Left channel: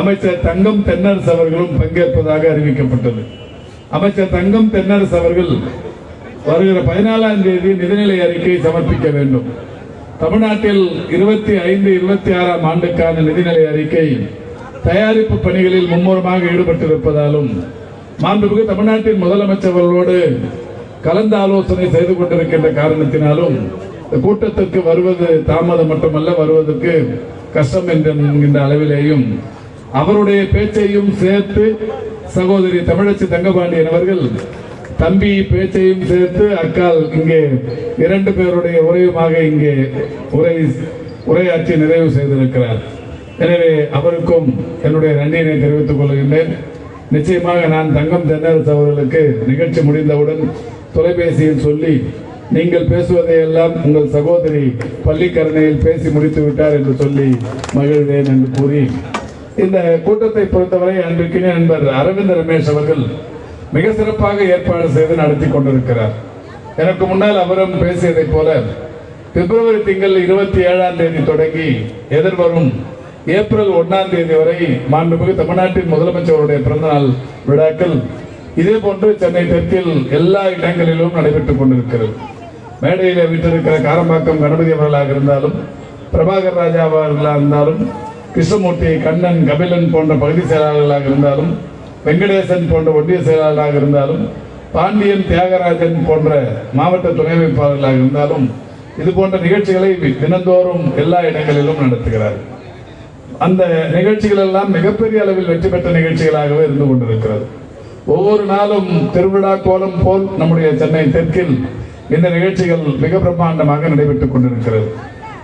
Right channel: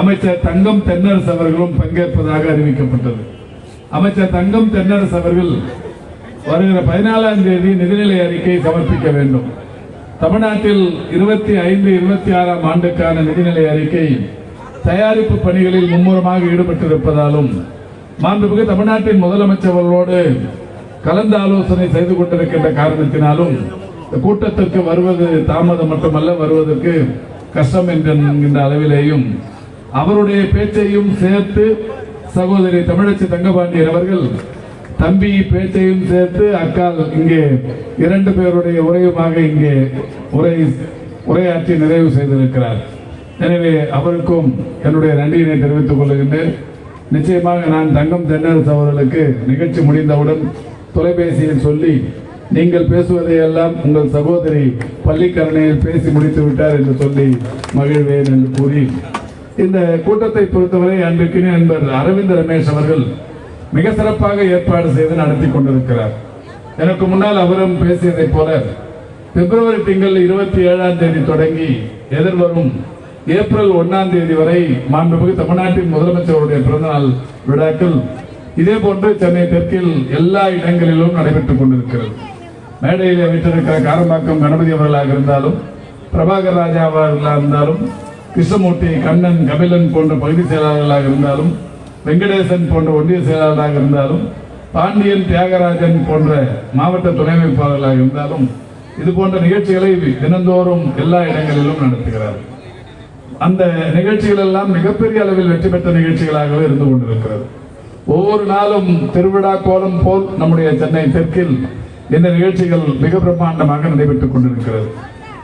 அமைச்சர் தங்கம் தென்னரசு அவர்களும் பங்கேற்பதாக அறிவிக்கப்பட்டது அமைச்சர் தங்கம் தென்னரசு அவர்கள் வருகிற பதினாலாம் தேதி நிதிநிலை அறிக்கை சமர்ப்பிக்க வேண்டும். தமிழ்நாட்டில் இருபத்தி ஐந்து இருபத்தி ஆறாம் ஆண்டுக்கான நிதிநிலை அறிக்கை தயாரிப்பு பணிகளில் மும்முரமாக ஈடுபட்டிருப்பதாலும் மாண்புமிகு தமிழ்நாட்டின் முதலமைச்சர்களோடு கலந்து ஆலோசனை செய்து கொண்டிருக்கின்ற காரணத்தினாலும் கூட்டத்திற்கு வருவது தாமதம் மட்டுமல்ல வருவதற்கு கஷ்டம் என்கின்ற அளவிலேயும் அவருடைய பேச்சையும் சேர்த்து சகோதரி தமிழச்சி தங்கபாண்டியன் அவர்கள் தம்பி பேச்சையும் சேர்த்து அக்கால் இங்கே இரண்டு பேருடைய உரையுமாக இங்கே உரை உரையாற்றி நிறைவு செய்திருக்கிறார். எனவே அவருக்கும் என்னுடைய நன்றியினை தெரிவித்துக் கொள்கின்றேன். நிச்சயமாக நான் தங்கம் தென்னரசு அவர்களுக்கு நிகழ்ச்சி முடிந்தவுடன் தொலைபேசியில் சொல்லி நீங்கள் பேசுவதை எல்லாம் உங்கள் சகோதரி பள்ளிக்கரணையில் பேசி முடித்து விட்டார் என்று சொல்லி மகிழ்வேன் என்று கூறி இந்த கூட்டத்தை பொறுத்தவரை அன்றைக்கினே அன்பர் அரவிந்த் ரமேஷ் அவர்கள் மிக சிறப்பாக ஏற்பாடு செய்து நடத்தி கொண்டிருக்கிறார். எனக்கு முன்னால் அவரும் பேசியதைப் போல பிப்ரவரி திங்கள் இருபத்தி ஏழாம் தேதி தொடங்கி எதிர்வரும் ஏப்ரல் ஒன்னாம் தேதி வரை மாண்புமிகு தமிழ்நாட்டின் முதலமைச்சருடைய பிறந்தநாள் விழாக்கள் இதே போன்று சென்னை தெற்கில் எல்லா இடங்களிலும் நடைபெற்றுக் கொண்டிருக்கிறது. மேடையில் வீட்டிருக்கிற காரம்பாக்கம் கணபதி அவர்களாக இருந்தாலும் பிரபாகர் ராஜா அவர்களாக இருந்தாலும் கிருஷ்ணமூர்த்தி கண்ணன் கபிலன் போன்ற பகுதி செயலாளர்களாக இருந்தாலும் வெங்கடேசன் போன்ற ஒன்றிய செயலாளராக இருந்தாலும் பாண்டியன் தியாகராஜன் போன்ற மாவட்ட துணை அமைப்பாளர்களாக இருந்தாலும் இது போன்ற நிகழ்ச்சிகளை தினந்தோறும் எல்லா இடங்களிலும் நடத்துகிறார். அந்த நிகழ்ச்சிகள் எல்லாம் மிகப்பெரிய அளவில் வெற்றி பெற்ற நிகழ்ச்சிகளாகவே இருந்து கொண்டிருக்கிறது. ஒவ்வொரு நாளும் திருவிழா கோலம் போல் நம்முடைய சென்னை தெற்கில் இந்த நிகழ்ச்சிகள் மிக பிரம்மாண்டமாக நடைபெற்றுக் கொண்டிருக்கிறது.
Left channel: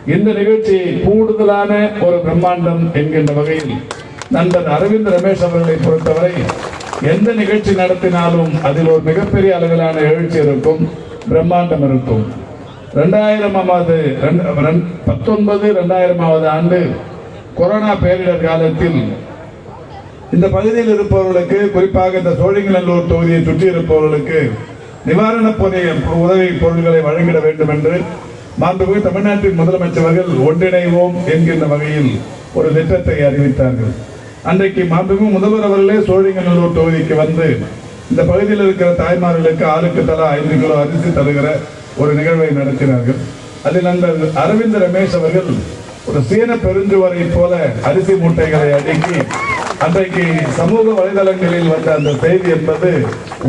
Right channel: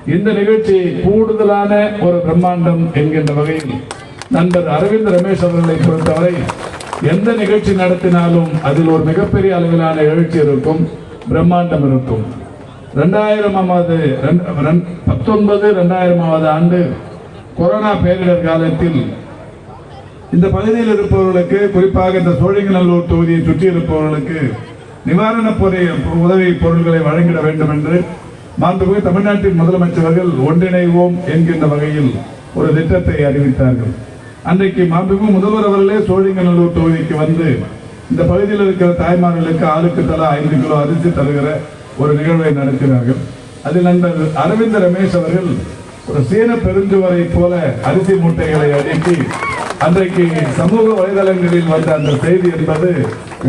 இந்த நிகழ்ச்சி கூடுதலான ஒரு பிரம்மாண்டம் என்கின்ற வகையில் நண்பர் அரவிந்த் ரமேஷ் அவர்களை பொறுத்தவரை எந்த நிகழ்ச்சி நடத்தினாலும் அதில் ஒரு மிகப்பெரிய அளவிலான எழுச்சி இருக்கும் பிரம்மாண்டம் இருக்கும். ரெண்டாயிரமாவது பத்தொன்பது ரெண்டாயிரமாவது ஆண்டு கொரோனா பேரிடர் காலத்தில் இந்த பகுதியில் இருப்பவர்களுக்கு குறிப்பாக இந்த சோழிங்கநல்லூர் தொகுதியை சுற்றி இருப்பவர்களுக்கு நிவாரணப் பொருள் உதவி பொருட்களை வழங்கிட வேண்டும் என்று மாண்புமிகு தமிழ்நாட்டின் முதலமைச்சர்கள் ஒன்றிணைவோம் என்கின்ற வகையில் ஒரு திட்டத்தை அறிவித்தார்கள். அன்றைக்கு மாண்புமிகு முதல்வர் அவர்களே சோழிங்கநல்லூர் தொகுதிக்கு வந்து இந்த பகுதியில் இருக்கிற தாய்மார்களுக்கு ஆளுக்கு தலா ஐந்து கிலோ அரிசி தருகிற ஒரு நிகழ்வை நடத்தினார்கள். அதில் நண்பர் அரவிந்த் ரமேஷ் அவர்கள் ஒரு சீன பெருஞ்சுவரை போல அரிசி மூட்டைகளை அடுக்கி அன்றைக்கு சமூக வலைதளங்களில் வந்த அந்த செய்தி என்பது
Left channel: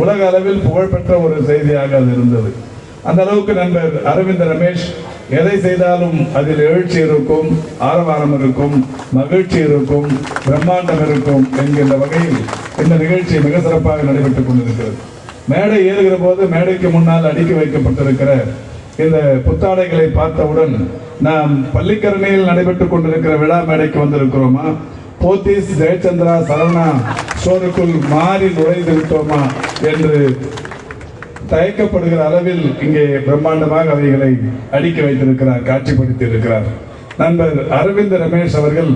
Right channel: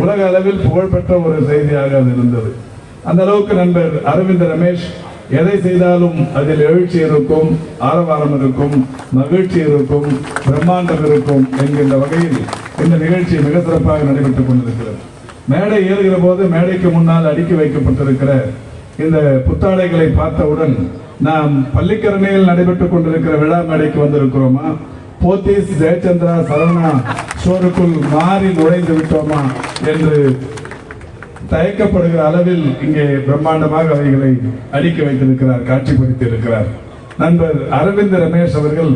உலக அளவில் புகழ்பெற்ற ஒரு செய்தியாக அது இருந்தது. அந்த அளவுக்கு நண்பர் அரவிந்த் ரமேஷ் எதை செய்தாலும் அதில் எழுச்சி இருக்கும் ஆரவாரம் இருக்கும் மகிழ்ச்சி இருக்கும் பிரம்மாண்டம் இருக்கும் என்கின்ற வகையில் இந்த நிகழ்ச்சி மிக சிறப்பாக நடைபெற்றுக் கொண்டிருக்கிறது. மேடை ஏறுகிற போது மேடைக்கு முன்னால் அடுக்கி வைக்கப்பட்டிருக்கிற இந்த புத்தாடைகளை பார்த்தவுடன் நாம் பள்ளிக்கரணையில் நடைபெற்றுக் கொண்டிருக்கிற விழா மேடைக்கு வந்திருக்கிறோமா? போத்தீஸ் ஜெயச்சந்திரா சரவணா ஸ்டோருக்குள் மாறி நுழைந்து விட்டோமா? என்று தயக்கப்படுகிற அளவில் இங்கே பிரம்மாண்டமாக அவைகளை அடுக்கி வைத்திருக்கிறார் காட்சிப்படுத்தி இருக்கிறார் நண்பர் அரவிந்த் ரமேஷ் அவர்கள்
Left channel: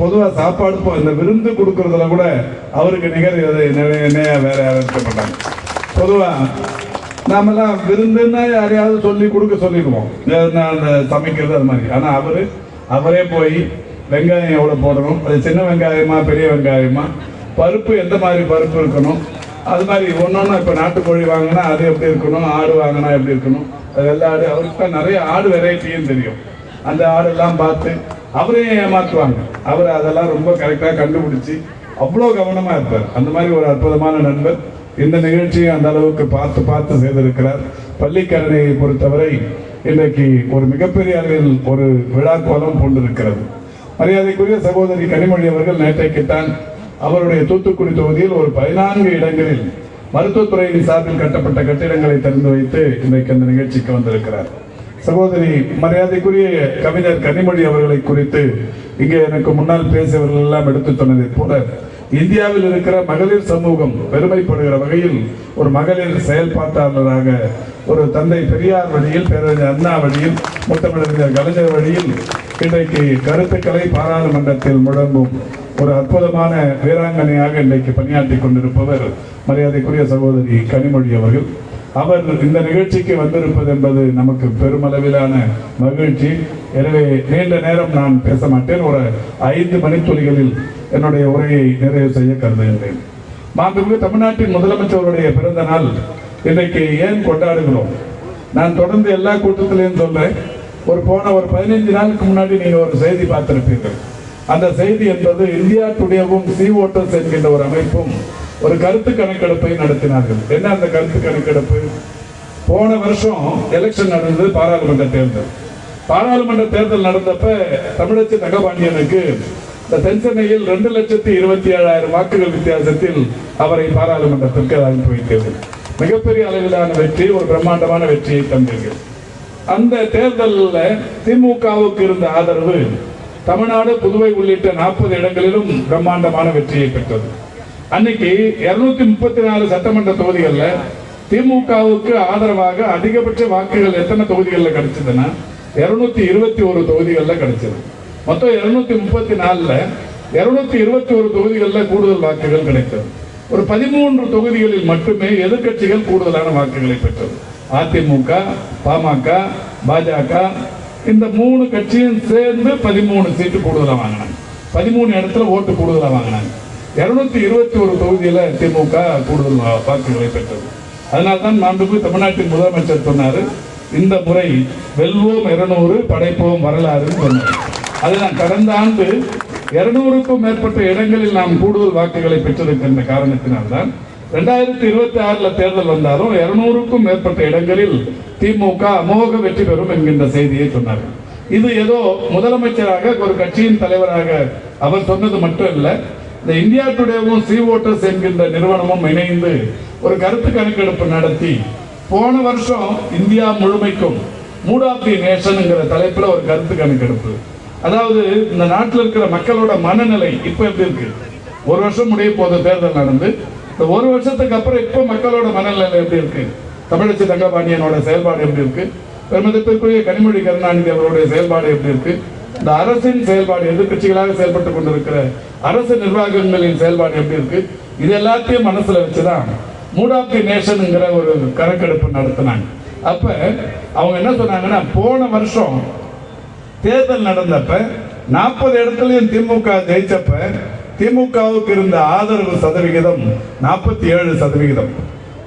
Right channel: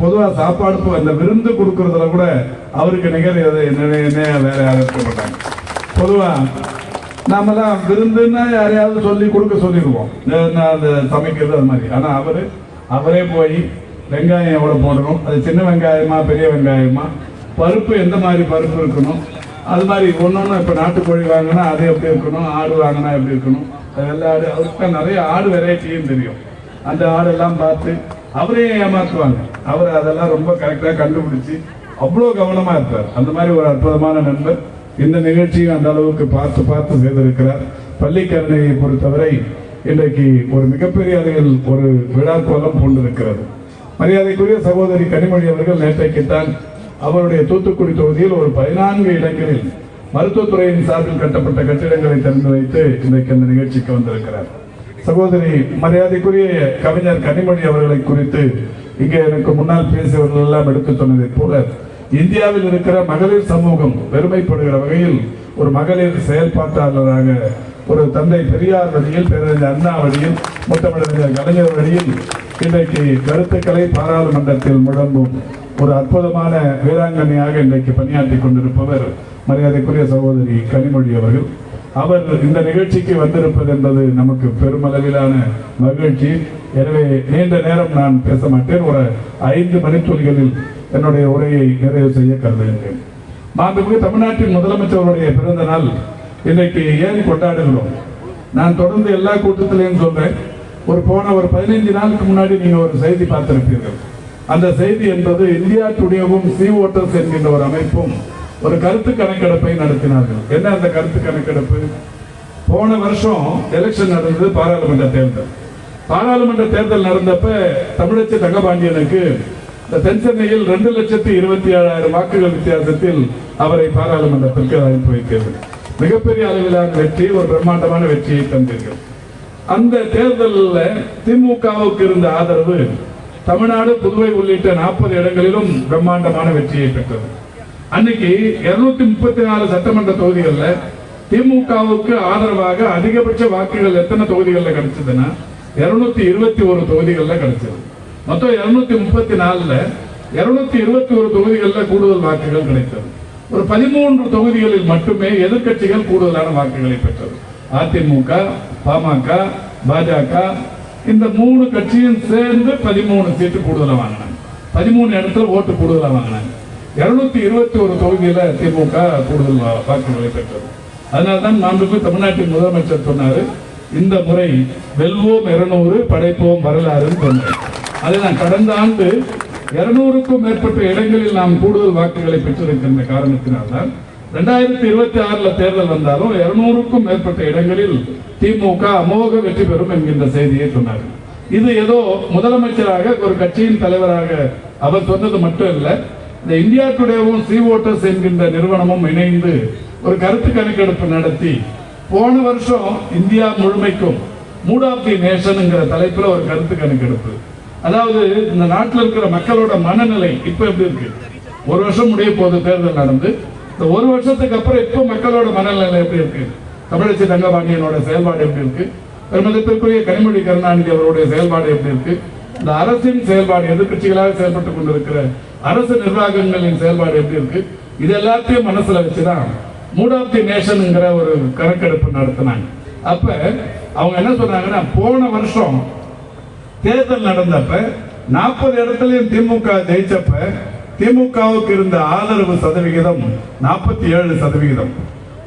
பொதுவாக சாப்பாடு அந்த விருந்து கொடுக்கறதுல கூட அவருக்கு நிகர் வேற யாரும் பொதுவா நாமெல்லாம் விருந்துன்னா யாரையாவது சொல்லி கொடுக்க சொல்லிடுவோம். அந்த சமைக்கிறது அது மாதிரி. ஆனால் அவரு அவரே போய் வெங்காயம் எவ்வளோ போடணும்? அது சின்ன வெங்காயமா பெரிய வெங்காயமா? பருப்பு எந்த மாதிரி பருப்பு இருக்கணும்? அது மாதிரி ஒன்று இப்போ நாட்டுக்கோழி வாங்கினா அது எப்படி இருக்கணும்? ஆடு வாங்கினா எப்படி இருக்கணும்? அது எல்லா ஆடு அவருக்கு நிறைய ஆடு வெரைட்டியும் தெரியும். அந்த ஆடெல்லாம் பார்த்து அவரையும் ஏமாற்றுவாங்க அவர் அதெல்லாம் ரொம்ப கரெக்டாக கண்டுபிடிச்சி அவ்வளோ கவனமாக இருப்பார். அந்த மாதிரி ஒரு அற்புதமான நண்பர் இந்த நிகழ்ச்சியை அந்த அளவுக்கு பார்த்து பார்த்து செய்திருக்கிறார். பள்ளிக்கரணையை பொறுத்தவரை இன்றைக்கு ஒரு மிகப்பெரிய அளவில் ஒரு விழா கோலம் கொண்டிருக்கிறது மரியாதைக்குரிய சகோதரி கனிமொழி அவர்கள் நேற்றைக்குத்தான் அவருடைய தூத்துக்குடி தொகுதியில் ஒரு பதினான்கு இடங்களில் மருத்துவத்துறையின் சார்பில் கட்டப்பட்ட கட்டிடங்களை திறந்து வைத்து இன்றைக்கு அந்த நிகழ்ச்சிக்கு வந்திருக்கிறார். சகோதரி மரியாதைக்குரிய கவிஞர் கனிமொழி அவர்களை குறித்து இங்கே எனக்கு முன்னால் பேசியவர்கள் எல்லாம் எடுத்து சொன்னதைப் போல இந்தியாவில் இருக்கிற மகளிர் சமூகம் பெருமைப்படுகிற வகையில் ஒரு மகளிர் செயல்பாட்டாளராக ஒரு தந்தை பெரியார் வழியில் பேரறிஞர் அண்ணா வழியில் முத்தமிழறிஞர் கலைஞர் வழியில் இன்றைக்கு கருத்துக்களை பாராளுமன்றத்தில் முழங்கும் ஒரு அற்புதமான வீராங்கனையாக இன்றைக்கு பணியாற்றி கொண்டிருப்பவர் மரியாதைக்குரிய சகோதரி கனிமொழி அவர்கள். அவர் இந்த நிகழ்ச்சிக்கு வந்திருப்பது என்பது நமக்கு பெருமளவிலான மகிழ்ச்சி. எனவே நீண்ட நேரம் நான் பேச மாட்டேன். ஒரு ஐந்து மணித்துளிகளில் என்னுடைய உரையை நிறைவு செய்ய கருதுகின்றேன். மாண்புமிகு தமிழ்நாட்டின் முதலமைச்சருடைய பிறந்த நாள் இன்றைக்கு ஏன் கொண்டாடுகிறோம்? நான் தொடர்ந்து எல்லா கூட்டத்திலையும் சொல்றேன் ஒரு போன ஒரு பதினைஞ்சு நாளுக்கு முன்னாடி நீங்க ஒரு செய்தி பார்த்திருப்பீர்கள். அந்த செய்தி என்பது இந்தியா டுடேவும் சி ஓட்டர்ஸ் என்கின்ற ஒரு அமைப்பும் ஒரு கருத்து கணக்கெடுப்பை நடத்தினார்கள். என்ன அந்த கருத்து கணக்கெடுப்பு? போன வருஷம் எலெக்ஷன் நடந்தது பாராளுமன்ற தேர்தல். பாராளுமன்ற தேர்தல் நடந்தப்ப தமிழச்சி தங்கபாண்டியனுக்கு தென்சென்னையில் ரெண்டு லட்சத்தி இருபத்தி ஏழாயிரம் வாக்குகள் வித்தியாசத்தில் அவரை பாராளுமன்றத்திற்கு அனுப்பி வைத்தது. மிகப்பெரிய அளவிலான வெற்றி ஒரு பிரம்மாண்டமான வெற்றியை தந்தீர்கள். அந்த தேர்தலில் திமுகவுக்கு இருந்த ஆதரவு தமிழ்நாடு புதுவை உள்ளிட்ட நாற்பது இடங்களிலும் பிரம்மாண்டமான வெற்றியை பெற்றது. அன்னைக்கு இருநூத்தி முப்பத்தி நாலு சட்டமன்ற தொகுதிகளில் திமுகவுக்கு ஆதரவாக அதிகபட்ச வாக்குகள் எத்தனை தொகுதிகளில் கிடைச்சதுன்னா இருநூத்தி இருபத்தி ஒரு தொகுதிகளில் கிடைச்சது. மொத்தம் இருநூத்தி முப்பத்தி நாலுல இருநூத்தி இருபத்தி ஒரு தொகுதிகளில் கூடுதல் வாக்குகள் கிடைத்தது. ஒரு பதிமூன்று தொகுதிகளில் மட்டுமே எதிர்க்கட்சிகள் கூடுதலான வாக்குகளை பெற்றது. அதிமுக பாமக பாஜக இந்த மூணு கட்சியும் சேர்ந்து பதிமூணு சீட்டு கூடுதலாக வாங்கினாங்க. பதிமூணு இடத்துல ஓட்டு கூடுதலாக வாங்கினாங்க. இருநூத்தி இருபத்தி ஒரு தொகுதியில் திமுக கூடுதல் வா- வாக்குகளை பெற்றது. அதனால தான் மாண்புக்கு தமிழ்நாட்டின் முதலமைச்சர் சொன்னார் இந்த முறை வெல்வோம் இருநூறு படைப்போம் வரலாறுன்னு சொன்னார். அதில் கடந்த ஆண்டு இருநூறுக்கும் மேற்பட்ட இடங்களில் நாம் கூடுதல் வாக்குகளை பெற்றிருக்கின்ற காரணத்தினால்தான் ரெண்டாயிரத்தி இருபத்தி ஆறுல தேர்தல் வந்தாலும் இருநூறுக்கும் மேற்பட்ட இடங்களில் திமுக அமோக வெற்றி பெறும் என்கின்ற செய்தியை சொன்னார்கள். இது ஏதோ முதலமைச்சராக ஒரு கட்சியின் தலைவராக அவர் சொன்னது மட்டும் இல்லை இந்த இந்தியா டுடேவும் சி ஓட்டர்ஸ் என்கின்ற நிறுவனமும் இணைந்து ஒரு கருத்து கணக்கெடுப்பு நடத்தி போன வருஷம் இந்தியா முழுமைக்கும் மூட் ஆஃப் தி நேஷனுங்கிற தலைப்பில் ஒரு கருத்து கணக்கெடுப்பு அதாவது இந்த நாட்டில் இருக்கிற மக்களோட மனநிலை இப்ப எப்படி இருக்கு? ஒரு வருஷம் முடிய போத தேர்தல் நடந்து. இந்த ஒரு வருஷத்துக்கு அப்புறம் இப்ப மக்களோட மனநிலை எப்படி இருக்கு? தமிழச்சி தங்கபாண்டியனோட செயல்பாடு எப்படி இருக்கு? பெருமதிப்பிற்குரிய கனிமொழி கருணாநிதி அவருடைய செயல்பாடு எப்படி இருக்கு? இந்த அரசின் செயல்பாடு எதிர்கட்சிகளாக செயல்பட்டு கொண்டிருக்கிற அரசு நிர்வாகங்களின் செயல்பாடு எப்படி இருக்கு? இது எல்லாத்தையும் மனசுல வச்சுதான் மூட் ஆஃப் தி நேஷன்ங்கிற ஒரு கணக்கெடுப்பு நடத்தினாங்க. அப்ப அவங்க என்ன சொன்னாங்கன்னா போன வருஷம் தேர்தல் நடந்தப்ப நாற்பது இடத்துலையும் திமுக ஜெயிச்சப்ப திமுகவுக்கு இருந்த ஆதரவு சதவிகிதம் நாற்பத்தி ஏழு சதவிகிதம்.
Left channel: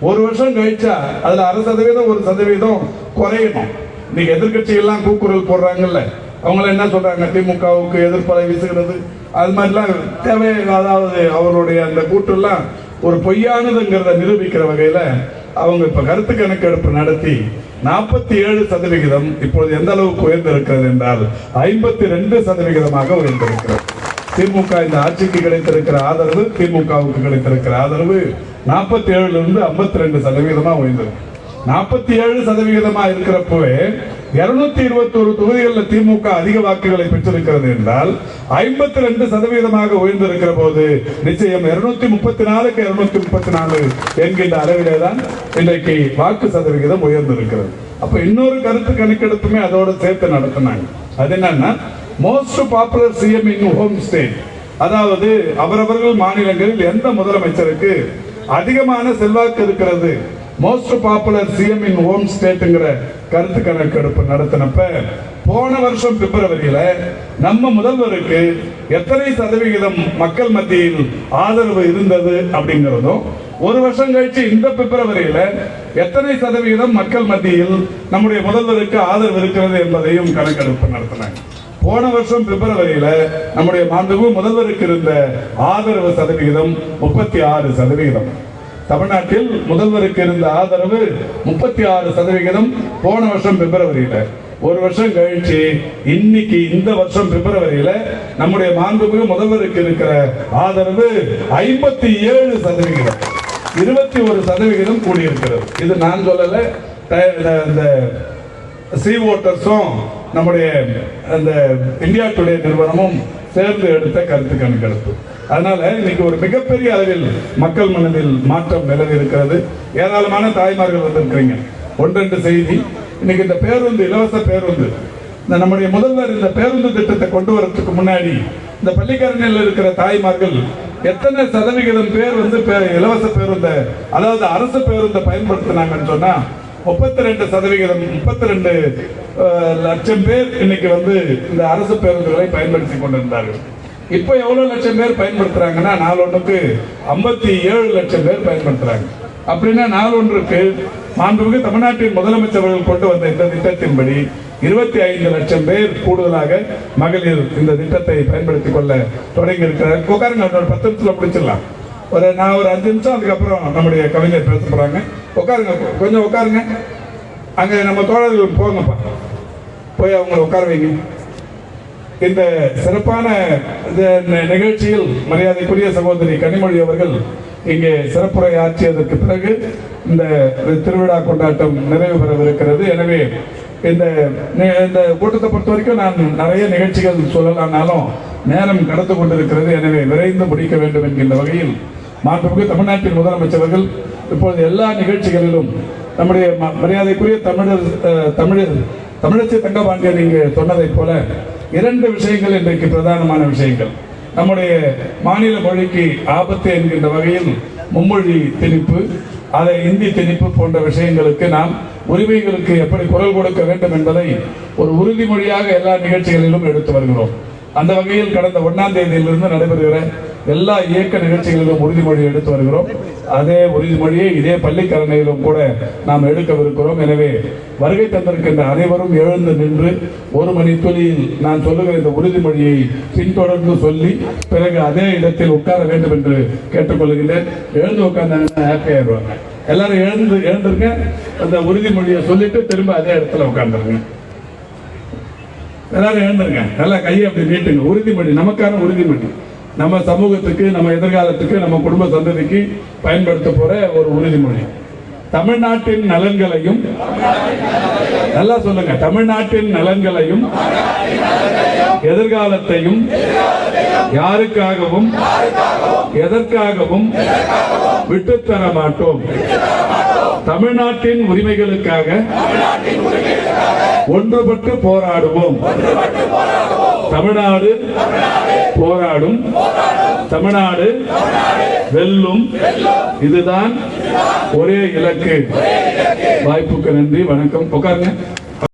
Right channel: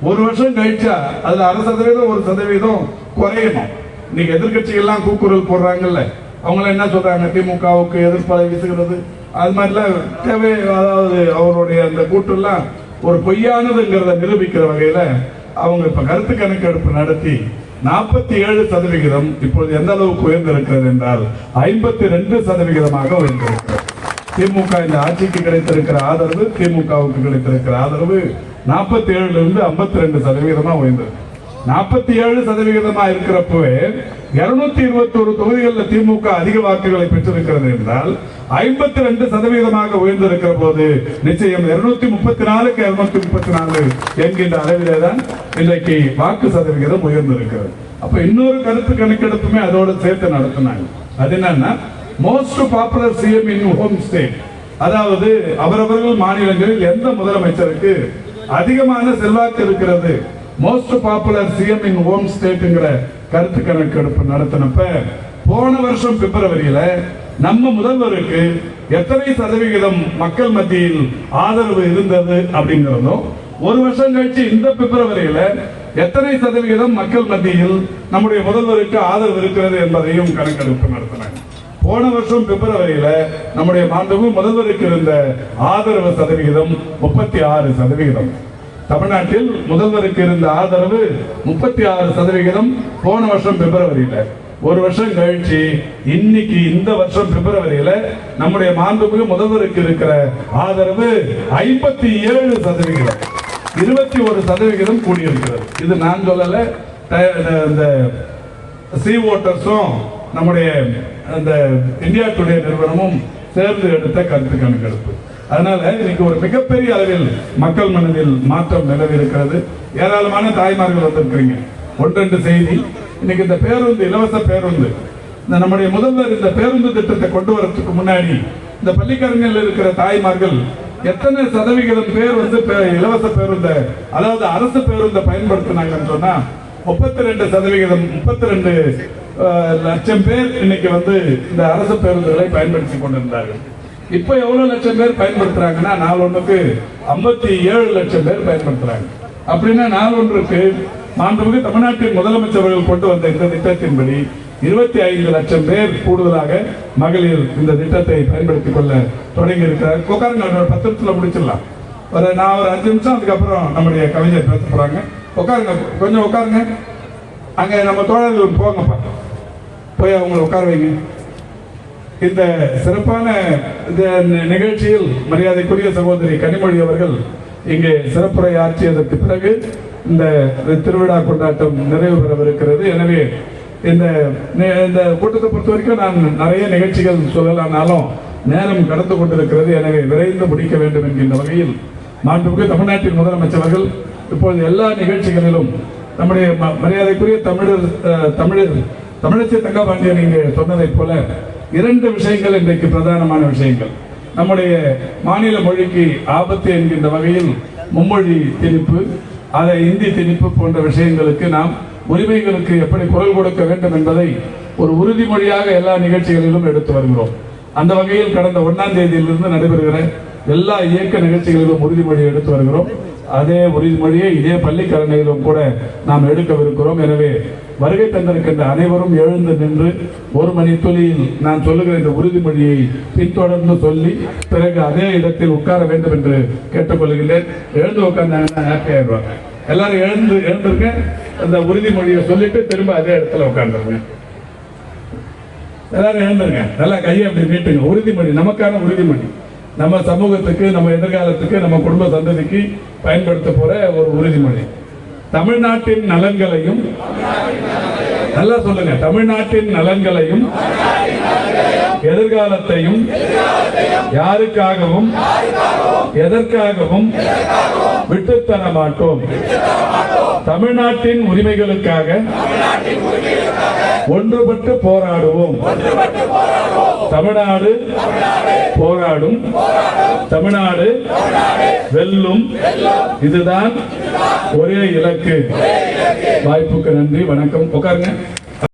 ஒரு வருஷம் கழிச்சா அதுல அரை சதவீதம் ஒரு சதவீதம் குறையணும் இன்னைக்கு எதிர்கட்சிகள்லாம் கூக்குரல் போடுறாங்கல்ல. அவங்கள என்ன சொல்றாங்க? திமுகவுக்கு எதிர்ப்பலை வீசுகிறது. அது மாதிரிலாம் தேவை அதாவது அவருடைய அந்த கூட்டுலாம் ஒரு பொய்யானதுங்கிறத நிரூபிக்கிற வகையில அவங்க இப்ப கருத்து கணக்கெடுப்பு நடத்தி நாற்பத்தி ஏழு சதவிகிதம் இப்பொழுது எந்த அளவுக்கு உயர்ந்திருக்கிறது என்றால் ஐம்பத்தி ரெண்டு சதவிகிதமாக உயர்ந்திருக்கிறது. திமுக இந்த ஆட்சிக்கு கிடைத்திருக்கிற ஆதரவு திமுகவுக்கு கிடைத்திருக்கிற ஆதரவு நாற்பத்தி ஏழுல இருந்து ஐம்பத்தி ரெண்டு சதவீதமா உயர்ந்திருக்கு. நாற்பத்தி ஏழு சதவிகிதமா இருக்கிறப்பவே இருநூத்தி இருபத்தி ஒரு தொகுதிகளில் திமுக அதிக வாக்குகளை பெற்றிருக்கிறது என்றால் ஐம்பத்தி ரெண்டு சதவீதமாக உயர்ந்திருக்கிற போது நிச்சயம் இருநூத்தி முப்பத்தி நாலுக்கு இருநூத்தி முப்பத்தி நாலு என்கின்ற அளவிலே தான் இன்றைக்கு வாக்கு சதவிகிதம் உயர்ந்திருக்கிறது. அப்ப இன்னொரு கருத்து கணக்கெடுப்புமே அதோட சேர்த்து நடத்தினாங்க. அது என்னன்னா most popular CM in home state அதாவது அவரவர்கள் மாநிலங்களில் எந்த முதலமைச்சருக்கு அதிகமான செல்வாக்கு இருக்கிறது most popular CM in home ஸ்டேட்டுங்கிற கருத்து கணக்கெடுப்பு நடத்தினப்ப போன வருஷம் பிப்ரவரியில நம்ம முதல்வருக்கு எத்தனை சதவிகிதம் மக்கள் மத்தியில் ஆதரவு இருந்தது அப்படிங்கிறதும் ஒரு வருஷம் கழிச்சு இந்த பிப்ரவரியில எத்தனை சதவிகிதம் மக்கள் மத்தியில் நம்முடைய முதல்வருக்கு ஆதரவு இருக்கிறது என்பதையும் கணக்கெடுப்பு நடத்தினாங்க. போன வருஷம் பிப்ரவரியில நம்முடைய மாண்புமிகு முதல்வருக்கு இருந்த ஆதரவு சதவிகிதம் முப்பத்தி ஆறு சதவிகிதம். தமிழ்நாட்டில் முதல்வருக்கு இருந்த ஆதரவு முப்பத்தி ஆறு சதவிகிதம் போன வருஷம் பிப்ரவரியில. ஒரு வருஷம் கழிச்சு இன்னைக்கு இந்த வருஷம் பிப்ரவரியில நம்முடைய மாண்புமிகு முதல்வருக்கு இருக்கிற ஆதரவு ஐம்பத்தி ஏழு சதவிகிதம். இருபத்தி ஒரு சதவிகிதம் கூடியிருக்கிறது. இது நான் சொல்லல இந்த- சி ஓட்டர்ஸும் நம்முடைய அந்த இந்தியா டுடே நிறுவனமும் சேர்ந்து எடுத்த கருத்து கணக்கெடுப்பு அதனால இன்னைக்கு ஒரு மிகப்பெரிய அளவில் மக்கள் மனதில் மாற்றம் நிலவி இருக்கிறது ஏராளமான தாய்மார்கள் வந்திருக்கிறீங்க. ஒன்றெண்டு செய்தி. இன்னைக்கு இந்த பேருந்து இலவச பேருந்து. இந்த நம்முடைய முதல்வர் இந்த பேருந்து திட்டத்தை கொண்டு வரத்துக்கு முன்னாடி இந்த பள்ளிக்கரணையில் இருக்கிற தாய்மார்கள் எத்தனை சதவிகிதம் பேர் வந்து பே- இலவச பேருந்தை அதாவது அரசு பேருந்தை பயன்படுத்தினாங்கன்னு சொன்னா முப்பத்தி ரெண்டு சதவிகிதம் முப்பத்தி ரெண்டு லட்சம் பேர் இன்னைக்கு வந்து இந்த அரசு பேருந்துகளை பயன்படுத்தி கொண்டிருந்தார்கள். இப்போ எவ்வளோ லட்சம் பேர் பயன்படுத்துகிறாங்கன்னா நாலு ஒன்றுக்கு ஐம்பத்தி ஏழு லட்சம் பேர் பயன்படுத்துகிறாங்க அப்படின்னா நாலு ஒன்றுக்கு மாண்புமிகு தமிழ்நாட்டின் முதலமைச்சர்கள் கொண்டு வந்த இந்த திட்டத்தின்படி இருபத்தி ஐந்து லட்சம் பேர் கூடுதலாக மகளிர் இந்த திட்டத்தை பயன்படுத்திக் கொள்ள தொடங்கி இருக்கிறார். உட்காருங்க பத்து நிமிஷத்தில் முடிச்சிடலாம். ஒரு நான் ஒரு அஞ்சு நிமிஷம் அதுக்கப்புறம் நம்முடைய கவிஞர் பேச போகிறாங்க உட்காருங்க கொஞ்சம் உட்காருங்க. அங்கே நம்ம தோழர்கள் போங்கப்பா. போய் அவங்களை உட்கார வைங்க. இந்த சிறப்பான இந்த நிகழ்ச்சியில் மரியாதைக்குரிய சகோதரி கனிமொழி அவர்கள் இங்கே சிறப்புரை ஆற்றியதற்கு பிறகு இந்த திருவிழா கொண்டாட்டம் நிறைவு பெறவிருக்கிறது. எனவே இந்த இந்த கூட்டத்தை பொறுத்த வரைக்கும் நான் நிறைய நிகழ்ச்சிகள் சொல்லலாம்னாலும் நேரம் கடந்து கொண்டிருக்கிறது. எனவே விரைந்து முடிக்க வேண்டும் என்கின்ற வகையில் மாண்புமிகு தமிழ்நாட்டின் முதலமைச்சர்கள் இப்பொழுது எல்லா நிகழ்ச்சிகளிலும் நம்முடைய ம- மரியாதைக்குரிய தமிழர் தமிழர் தமிழச்சி தங்கபாண்டியன் இங்கே சொன்னதைப் போல இரண்டு விஷயங்கள் இன்றைக்கு பிரதானமான விஷயங்கள். நம்முடைய மாநில மொழிக்கு ஆபத்து என்கின்ற வகையில் மும்மொழி திணிப்பு அதை இந்தி திணிப்பு போன்ற விஷயங்களுக்கு நாம் உரிமைகளுக்கு எப்படி குரல் கொடுக்க வேண்டும் என்பதை ஒரு உறுதிமொழியாக எல்லா நிகழ்ச்சிகளிலும் எடுத்து வருகிறோம். அந்த வகையில் கடந்த ஒன்றாம் தேதியிலிருந்து நடைபெறுகிற எல்லா இயக்க நிகழ்ச்சிகளிலும் உறுதிமொழி எடுத்து வருகிறோம். அதே உறுதிமொழியை இதே பள்ளிக்கரணையிலும் கூட நாம் எடுக்கவிருக்கிறோம். எனவே வருகை தந்திருக்கின்ற அனைவரும் எழுந்து நின்று ஒரு மணி துளியில் நான் சொல்லுகிற இந்த உறுதிமொழியை பின்தொடர்ந்து சொல்லி பிறகு அதே இடத்தில் உட்கார வேண்டும் என்று கேட்டுக்கொள்கிறேன் எழுந்து உட்கார்ந்தாங்கன்னா ஹாப்பி ஆயிடுவாங்க. எல்லாரும் எழுந்து எழுந்திருங்க. அந்த உறுதிமொழியை சொல்லிட்டு திரும்ப அதே இடத்துல உட்கார்ந்துருங்க எல்லாரும் எழுந்துருங்க. நல்லா கையை அப்படி நீட்டுங்க. உறுதிமொழி நமக்கான உறுதிமொழி. நம்ம சமூகத்துக்கு நம்ம எதிர்காலத்துக்கு நம்ம குடும்ப சந்ததிக்கு பயன்படுத்த போற ஒரு உறுதிமொழி. தமிழ்நாட்டின் நலன்களையும் நல்லா சொல்லுங்க. தமிழ்நாட்டின் நலன்களையும் எதிர்காலத்தையும் யாருக்காகவும் எதற்காகவும் விட்டுத்தர மாட்டோம். தமிழ்நாட்டின் உரிமைகளுக்காக ஒன்றுபட்டு போராடுவோம். தமிழ்நாடு போராடும். தமிழ்நாடு வெல்லும். இதுதான் ஒரே இலக்கு. வாய்ப்புக்கு நன்றி. வணக்கம். உட்காருங்க.